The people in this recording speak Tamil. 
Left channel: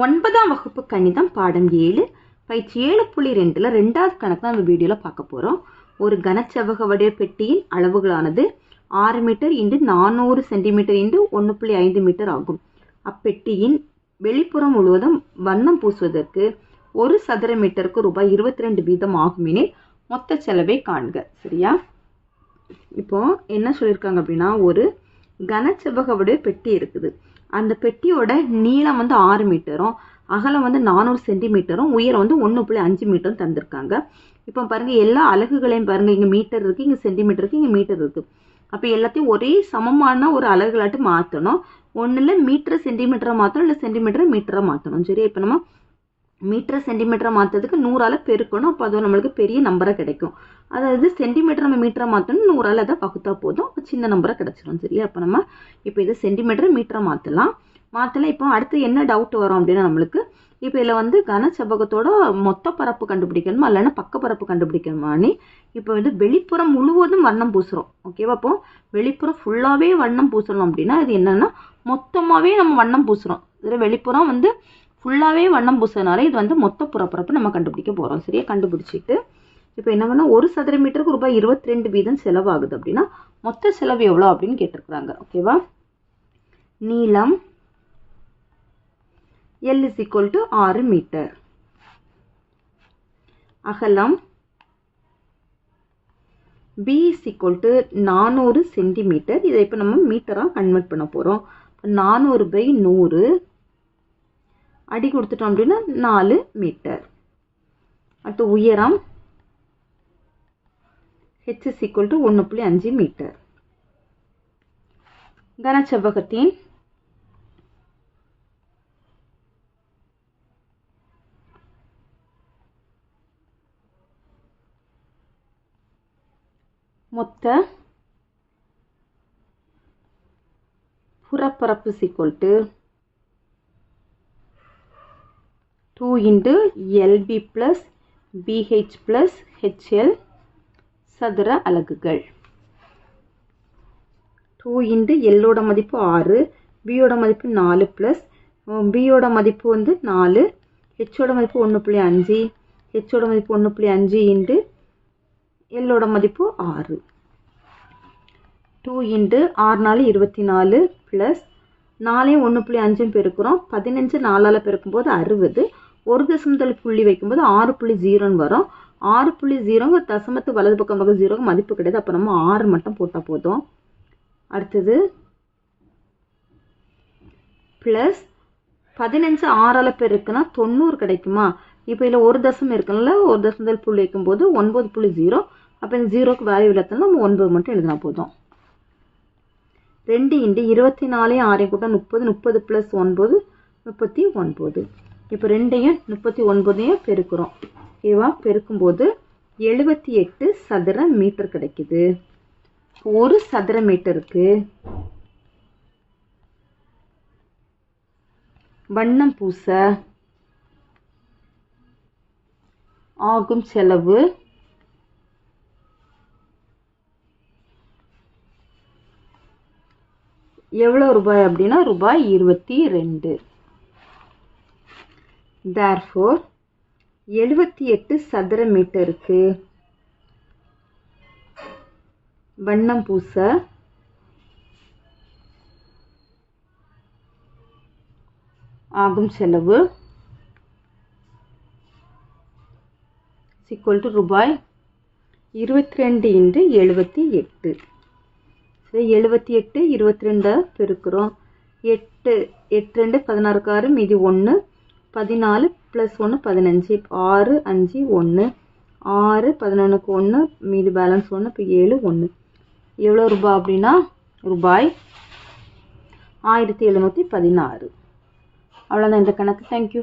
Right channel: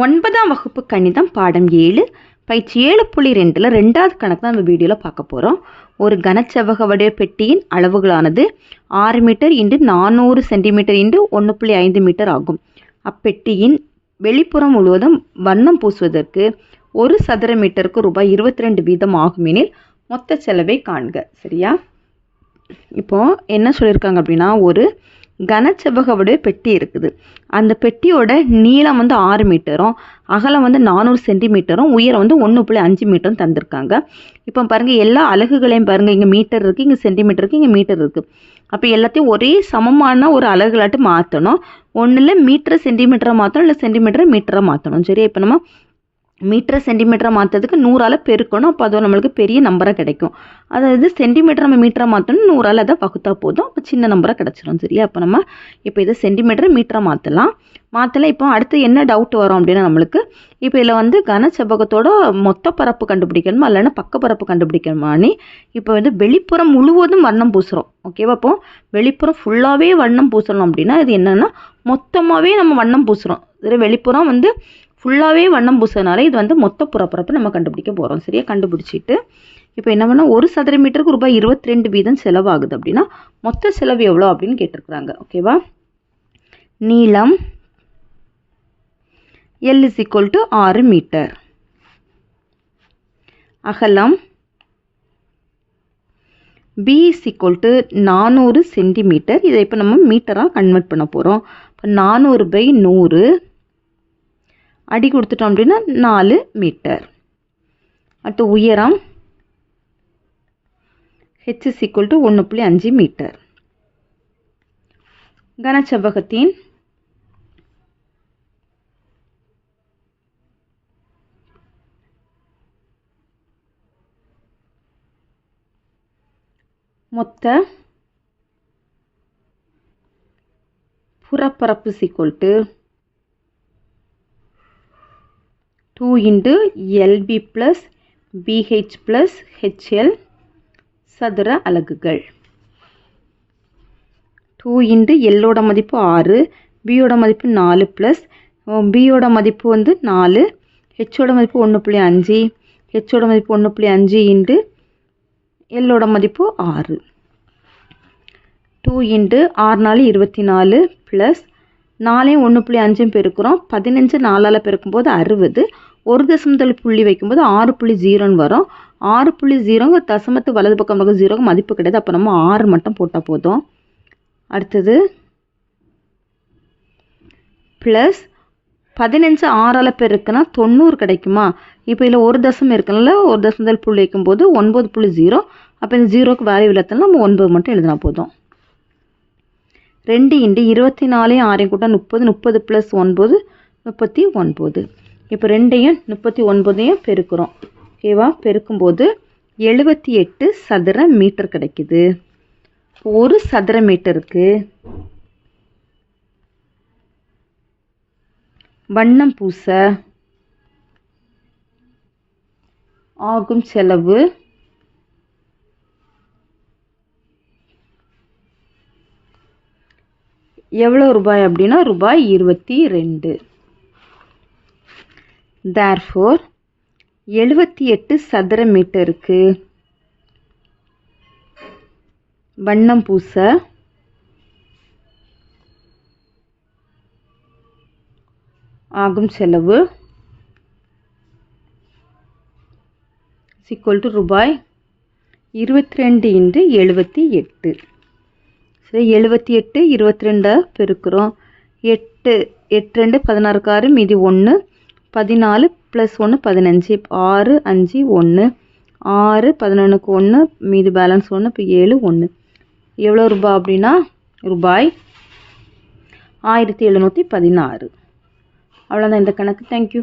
9ஆம் வகுப்பு கணிதம் பாடம் 7 பயிற்சி 7.2ல் 2வது கணக்கு தான் நம்ம வீடியோவில் பார்க்க போகிறோம். ஒரு கனச்செவ்வக வடிவ பெட்டியின் அளவுகளானது 6 மீட்டர் × 400 சென்டிமீட்டர் × 1.5 மீட்டர் ஆகும். அப்பெட்டியின் வெளிப்புறம் முழுவதும் வண்ணம் பூசுவதற்கு 1 சதுர மீட்டருக்கு ரூபாய் 22 வீதம் ஆகுமெனில் மொத்த செலவை காண்க. சரியா? இப்போ என்ன சொல்லியிருக்காங்க அப்படின்னா, ஒரு கனச்செவ்வக வடிவ பெட்டி இருக்குது. அந்த பெட்டியோட நீளம் 6 மீட்டரும் அகலம் 400 சென்டிமீட்டரும் உயரம் 1.5 மீட்டரும் தந்திருக்காங்க. இப்போ பாருங்கள், எல்லா அலகுகளையும் பாருங்கள். இங்கே மீட்டர் இருக்குது, இங்கே சென்டிமீட்டர் இருக்குது, இங்கே மீட்டர் இருக்குது. அப்போ எல்லாத்தையும் ஒரே சமமான ஒரு அலகுகளாட்டு மாற்றணும். ஒன்றில் மீட்டரை சென்டிமீட்டராக மாற்றணும், இல்லை சென்டிமீட்டரை மீட்டராக மாற்றணும். சரியா? இப்போ நம்ம மீட்டரை சென்டிமீட்டராக மாற்றதுக்கு 100ஆல் பெருக்கணும். அப்போ அது நம்மளுக்கு பெரிய நம்பராக கிடைக்கும். அதாவது சென்டிமீட்டர் நம்ம மீட்டராக மாற்றணும், 100ஆல் அதை வகுத்தா போதும், அப்போ சின்ன நம்பராக கிடச்சிடும். சரியா? அப்போ நம்ம இதை சென்டிமீட்டரை மீட்டராக மாற்றலாம். இப்போ அடுத்து என்ன டவுட் வரும் அப்படின்னா, நம்மளுக்கு இப்போ இதில் கனச்செவ்வகத்தோட மொத்த பரப்பு கண்டுபிடிக்கணுமா இல்லைன்னா பக்க பரப்பு கண்டுபிடிக்கணுமான்னு இப்போ வெளிப்புறம் முழுவதும் வண்ணம் பூசுகிறோம். ஓகேவா? அப்போ வெளிப்புறம் ஃபுல்லாகவே வண்ணம் பூசணும் அப்படின்னா இது என்னென்னா மொத்தமாகவே நம்ம வண்ணம் பூசுகிறோம். வெளிப்புறம் ஃபுல்லாகவே வண்ணம் பூசுறதுனால இது மொத்த புறப்பரப்பு நம்ம கண்டுபிடிக்க போகிறோம். சரியா? கண்டுபிடிச்சிட்டு இப்போ என்ன பண்ணால் 1 சதுர மீட்டருக்கு ரூபாய் 22 வீதம் செலவாகுது அப்படின்னா மொத்த செலவு எவ்வளோ அப்படின்னு கேட்டிருக்கிறாங்க. ஓகேவா? நீளம் L = 6 மீட்டர், அகலம் B = 400 சென்டிமீட்டர். இதை இப்போ நம்ம மீட்டராக கன்வெர்ட் பண்ண போகிறோம். இப்போ 400/100 அடி கொடுத்துட்டோம் அப்படின்னா 4 மீட்டர். அடுத்து உயரம் H = 1.5 மீட்டர். கனச்செவ்வகத்தின் மொத்த புறப்பரப்பு = 2 × LB + BH + HL சதுர அலகுகள். 2 × L ஓட மதிப்பு 6, B ஓட மதிப்பு 4 ப்ளஸ் B ஓட மதிப்பு 4, H ஓட மதிப்பு 1.5, H ஓட மதிப்பு 1.5 × L ஓட மதிப்பு 6. 2 × 6 × 24 ப்ளஸ் 4 1.5 பெருக்கிறோம். 15 4ஆல் பெருக்கும்போது 60. ஒரு தசமத்தில் புள்ளி வைக்கும்போது 6.0 வரும். 6.0 தசமத்து வலது பக்கம் 0 மதிப்பு கிடையாது. அப்போ நம்ம 6 மட்டும் போட்டால் போதும். அடுத்தது ப்ளஸ் 15 6ஆல் பெருக்குனா 90 கிடைக்குமா? இப்போ இதில் ஒரு தசம் இருக்குனால ஒரு தசமத்தில் புள்ளி வைக்கும்போது 9.0. அப்போ இந்த 0க்கு வேல்யூ இல்லாதனால நம்ம 9 மட்டும் எழுதினா போதும். 2 × 24 6 கூட்டம் 30, 30 + 9 39. இப்போ 2ஐயும் 39ஐயும் பெருக்கிறோம். ஓகேவா? பெருக்கும்போது 78 சதுர மீட்டர் கிடைக்குது. 1 சதுர மீட்டருக்கு வண்ணம் பூச ஆகும் செலவு எவ்வளோ ரூபாய் அப்படின்னா ரூபாய் 22. Therefore 78 சதுர மீட்டருக்கு வண்ணம் பூச ஆகும் செலவு = ரூபாய் 22 × 78. சரி, 78 22 பெருக்கிறோம். 8 8 2 16 6 மீதி 1 14 + 1 15. 6 5 1 6 11க்கு 1 மீதி பேலன்ஸ் 1. இப்போ 7 1. எவ்வளோ ரூபாய் அப்படின்னா ரூபாய் 1716. அவ்வளோதான் இந்த கணக்கு. தேங்க்யூ.